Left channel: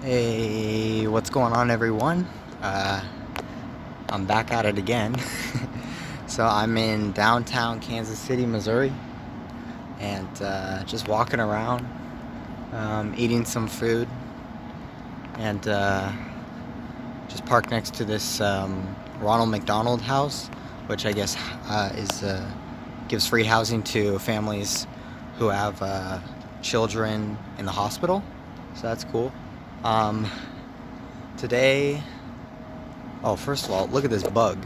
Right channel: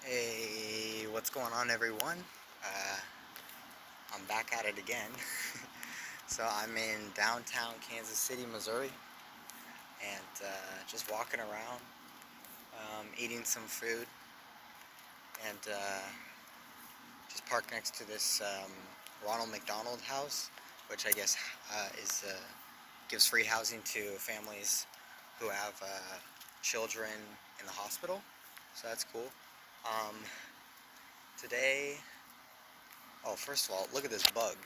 Hey, what's going on, everyone? Uh, I'm back at it again. So I'm in downtown Kansas City, Missouri, and just walking around, eating some food, and just parked next to this Ronald McDonald House, which I guess is gives free housing to families who have children in the hospital. So that's cool. Um, Today, oh, first of all, look at this bug.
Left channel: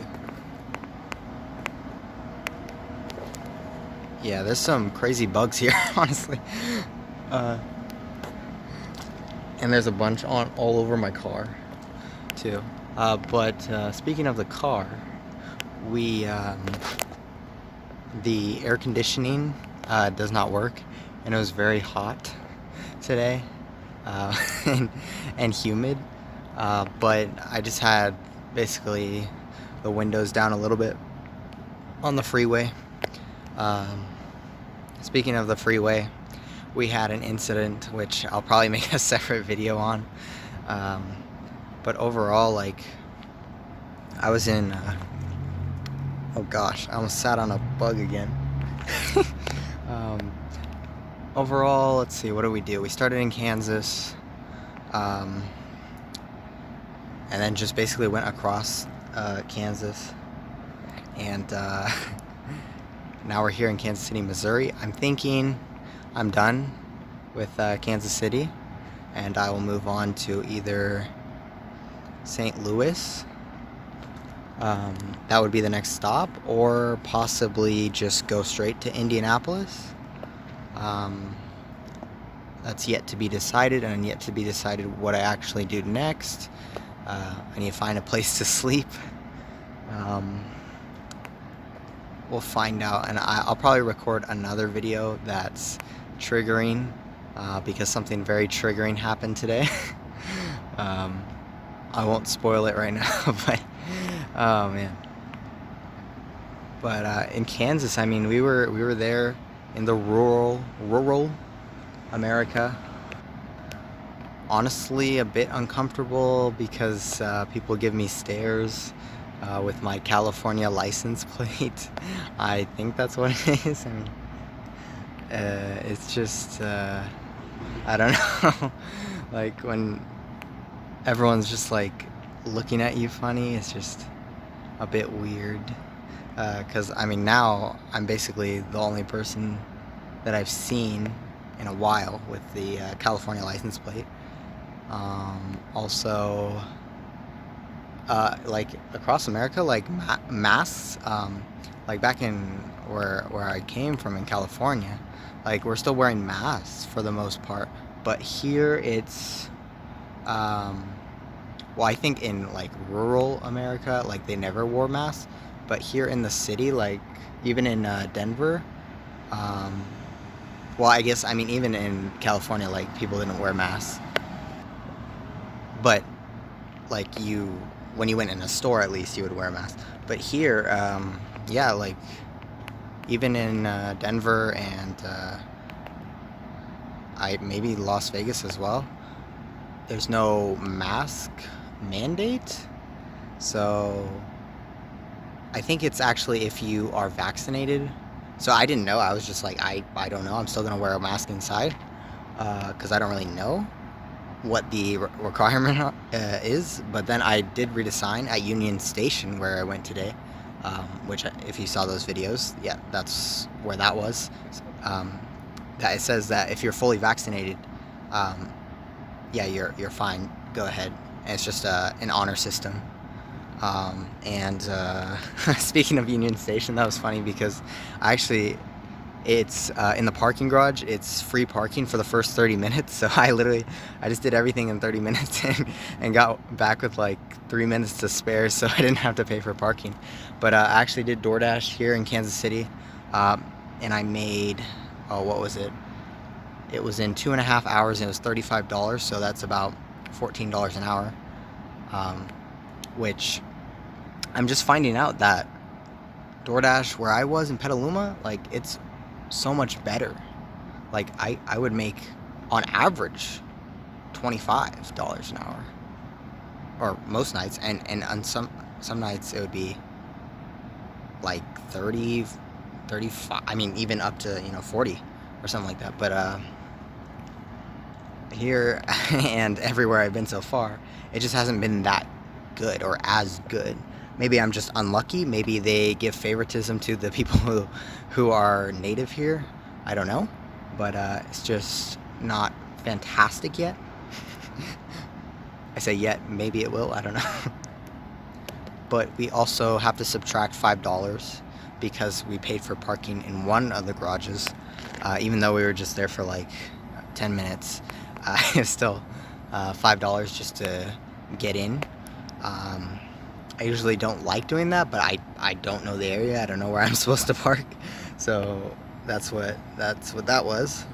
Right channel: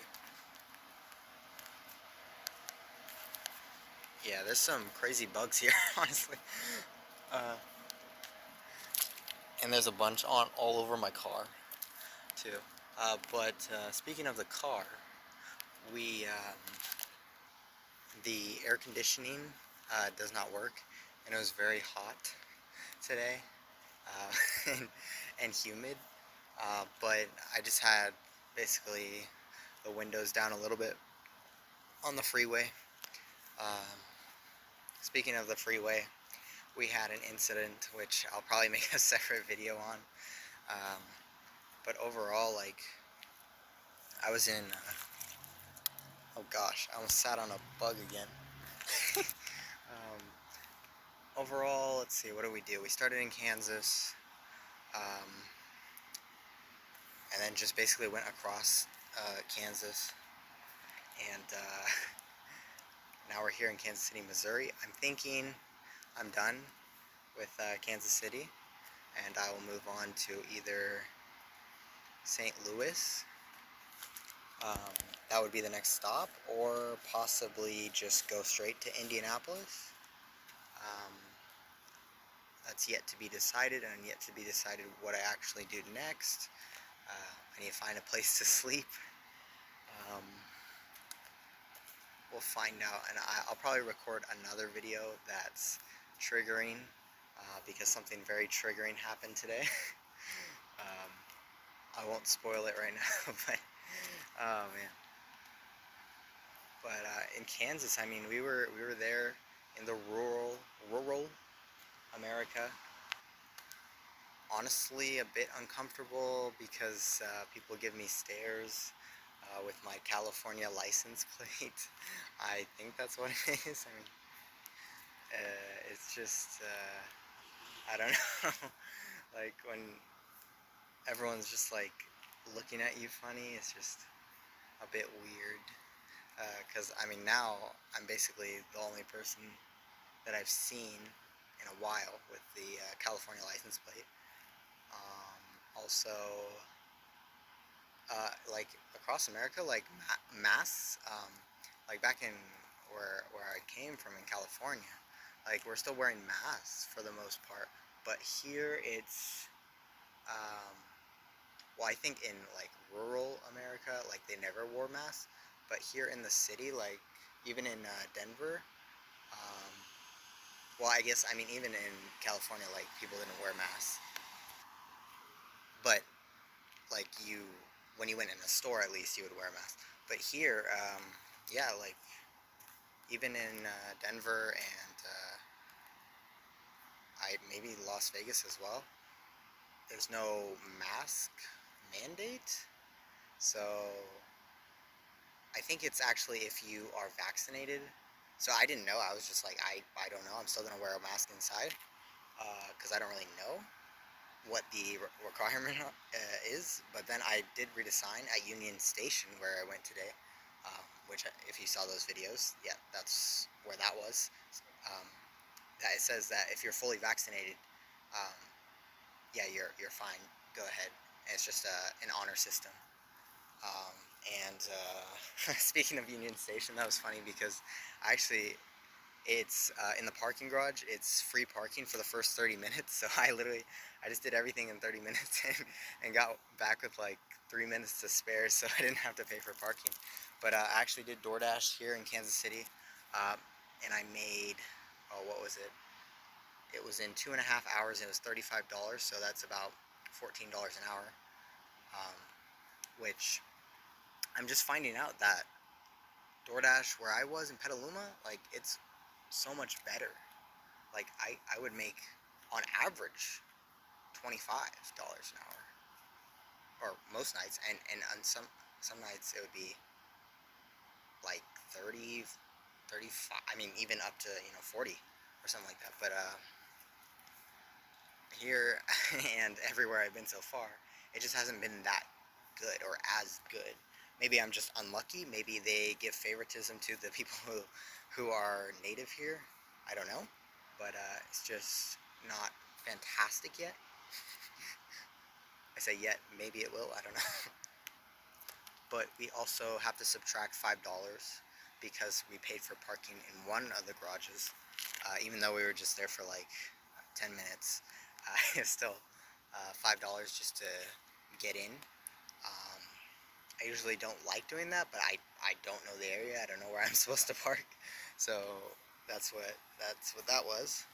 Yeah, there's some crazy bugs here, honestly. Uh, and there's a bunch on all over my car, too. But speaking of the car, we the air conditioning does not work, and it was very hot today, uh, and, and humid. But I just had basically the windows down a little bit on the freeway. Um, Speaking of the freeway, we had an incident which I'll probably make a separate video on. Um, but overall, like, I was in. Oh gosh, I almost sat on a bug again. um, Overall, let's see, what did we do? We started in Kansas, um, and then just basically went across Kansas, and now we're here in Kansas City, Missouri. I'm thinking I'm done with Kansas City, and I will move on to either St. Louis. That would be the next stop, or possibly just go straight to Indianapolis. Um, that's yet to be decided, and yet to be decided what I actually do next. I need to find a place to sleep. Um, we'll find out, and I'll probably record another video that's triggering because something very triggering happened today. um, I won't spoil it right now, but oh man. But in Kansas, I mean, we were there in the rural America. Honestly, a bit uncomfortable because people give me stares with my California license plate. I think that's what it is. I mean, it's just I don't know. Like when everyone's just like looking at you funny, it's just a bit weird. Because I mean, now I'm basically the only person that I've seen in a while with the California license plate. Also, like across America, like masks, like back in where I came from in California, like we're still wearing masks for the most part. But here it's, um, well, I think in like rural America, like they never wore masks. But here in the city, like even in Denver, um, well, I guess I mean even in California, like people didn't wear masks. But like you, when you went in a store, at least you would wear a mask. But here, yeah, like even in Denver and I maybe Las Vegas as well, there's no mask mandate. So I think it's actually if you are vaccinated. So I didn't know. I was just like, I don't know. I'm still gonna wear a mask inside because I don't really know what the requirement is. But then I did read a sign at Union Station where I went today, which if you saw those videos, yeah, that's where that was. Um, that it says that if you're fully vaccinated, um, yeah, you're fine. Go ahead. And it's just an honor system. And speaking of Union Station, that was funny because I actually it's in the parking garage. It's free parking for the first 30 minutes. So I just did everything in 30 minutes and got back with like 3 minutes to spare. So I didn't have to pay for parking. But I actually did DoorDash here in Kansas City. Um, and I made, oh, what was it? It was in 2.5 hours and it was $35. So that's about $14 an hour. Um, which I'm just finding out that DoorDash, where I was in Petaluma, like it's so much better. Like I would make on average $25 an hour, or most nights, and on some nights it would be like 30, 35. I mean, even up to 40 or something like that. But here and everywhere I've been so far, it just hasn't been that good or as good. Maybe I'm just unlucky. Maybe they give favoritism to the people who are native here. I don't know, but it's just not fantastic yet. I say yet, maybe it will. I don't know. But we also have to subtract $5 because we paid for parking in one of the garages, even though we were just there for like 10 minutes. It's still $5 just to get in. I usually don't like doing that, but I don't know the area. I don't know where I'm supposed to park, so that's what that was.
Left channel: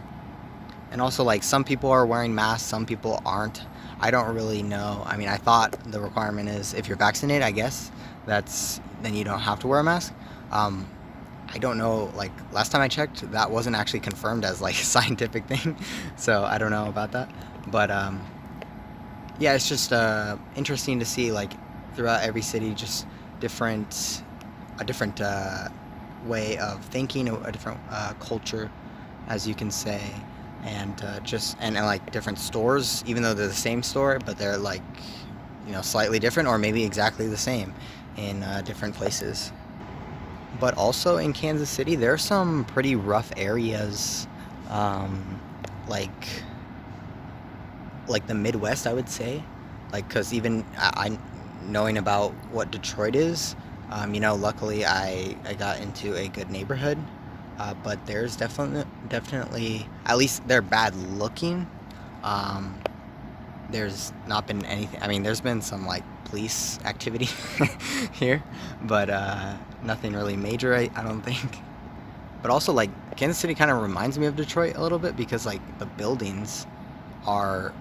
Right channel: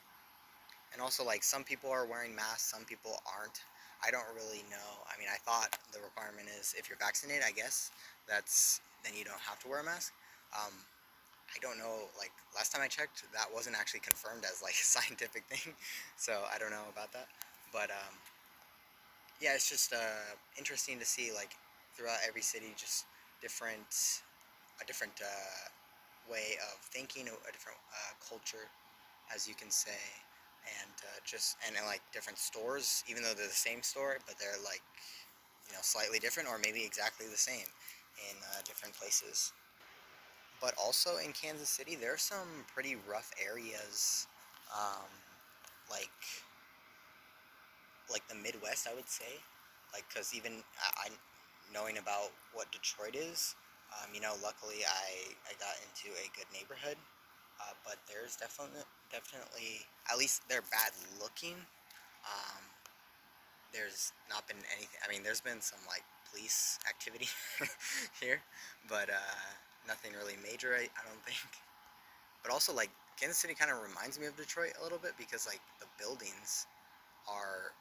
And also, like, some people are wearing masks, some people aren't. I don't really know. I mean, I thought the requirement is if you're vaccinated, I guess then you don't have to wear a mask. I don't know. Like, last time I checked, that wasn't actually confirmed as like a scientific thing, so I don't know about that. But yeah, it's just interesting to see, like, throughout every city, just a different way of thinking, a different culture, as you can say, and and like different stores, even though they're the same store, but they're like slightly different, or maybe exactly the same in different places. But also in Kansas City, there are some pretty rough areas, um, like the Midwest, I would say, like, because even I knowing about what Detroit is, luckily I got into a good neighborhood, but there's definitely, at least they're bad looking. Um, there's not been anything. I mean, there's been some like police activity here, but nothing really major, I don't think. But also, like, Kansas City kind of reminds me of Detroit a little bit because, like, the buildings are,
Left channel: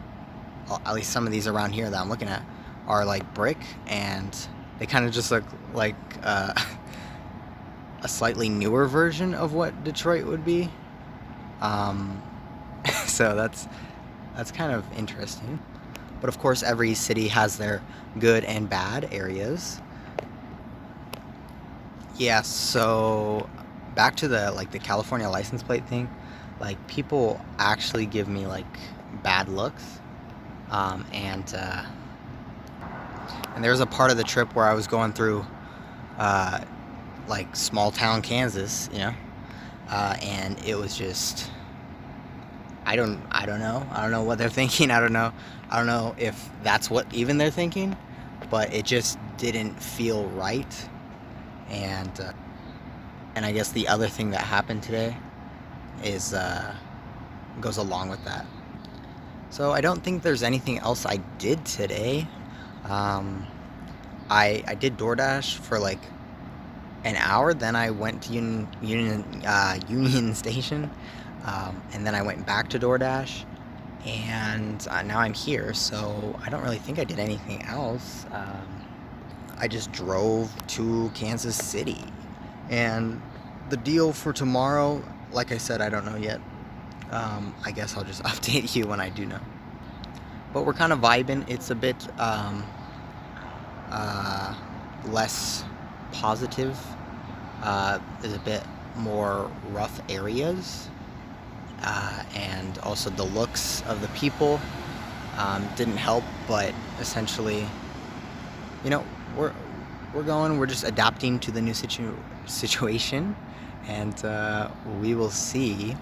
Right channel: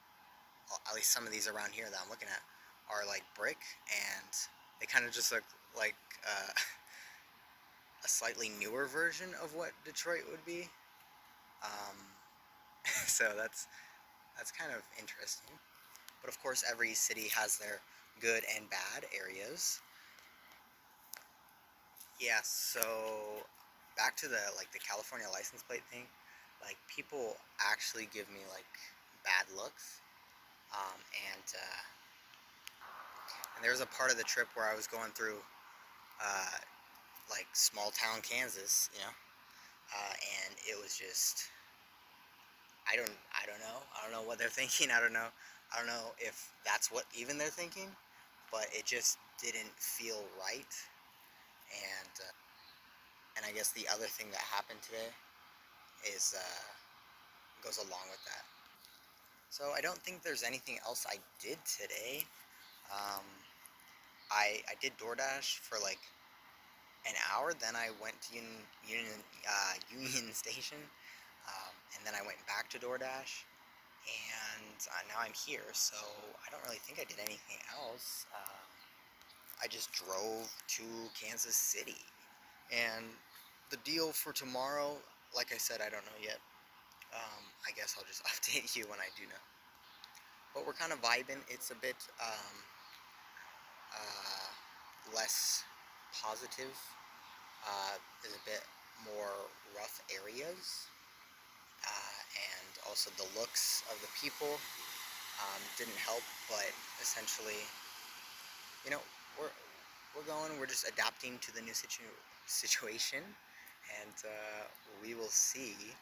at least some of these around here that I'm looking at, are like brick, and they kind of just look like a slightly newer version of what Detroit would be. Um, so that's kind of interesting. But of course, every city has their good and bad areas. Yeah, so back to the California license plate thing. Like, people actually give me like bad looks. And there was a part of the trip where I was going through uh, like small town Kansas, and it was just, I don't know what they're thinking. I don't know if that's what even they're thinking, but it just didn't feel right. And I guess the other thing that happened today is goes along with that. So I don't think there's anything else I did today. Um, I did DoorDash for like an hour, then I went to Union Station, and then I went back to DoorDash, and now I'm here. So I don't really think I did anything else. I just drove to Kansas City, and the deal for tomorrow, like I said, I don't know yet. I guess I'll just update you when I do know. But we're kind of vibing. It's a bit less positive. There's a bit more rough areas, and also the looks of the people didn't help. But essentially, you know, we're we're just adapting to the new situation, and we will see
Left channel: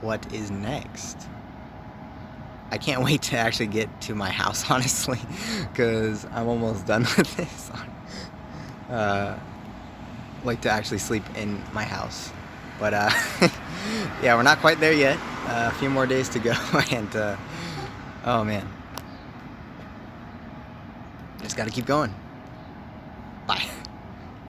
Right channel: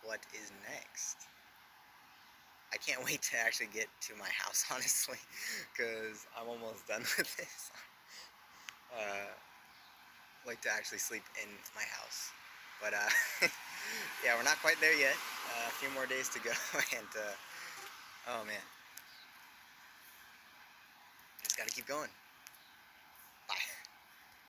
what is next. I can't wait to actually get to my house, honestly, because I'm almost done with this. Like to actually sleep in my house, but yeah, we're not quite there yet. A few more days to go, and oh man, just gotta keep going. Bye.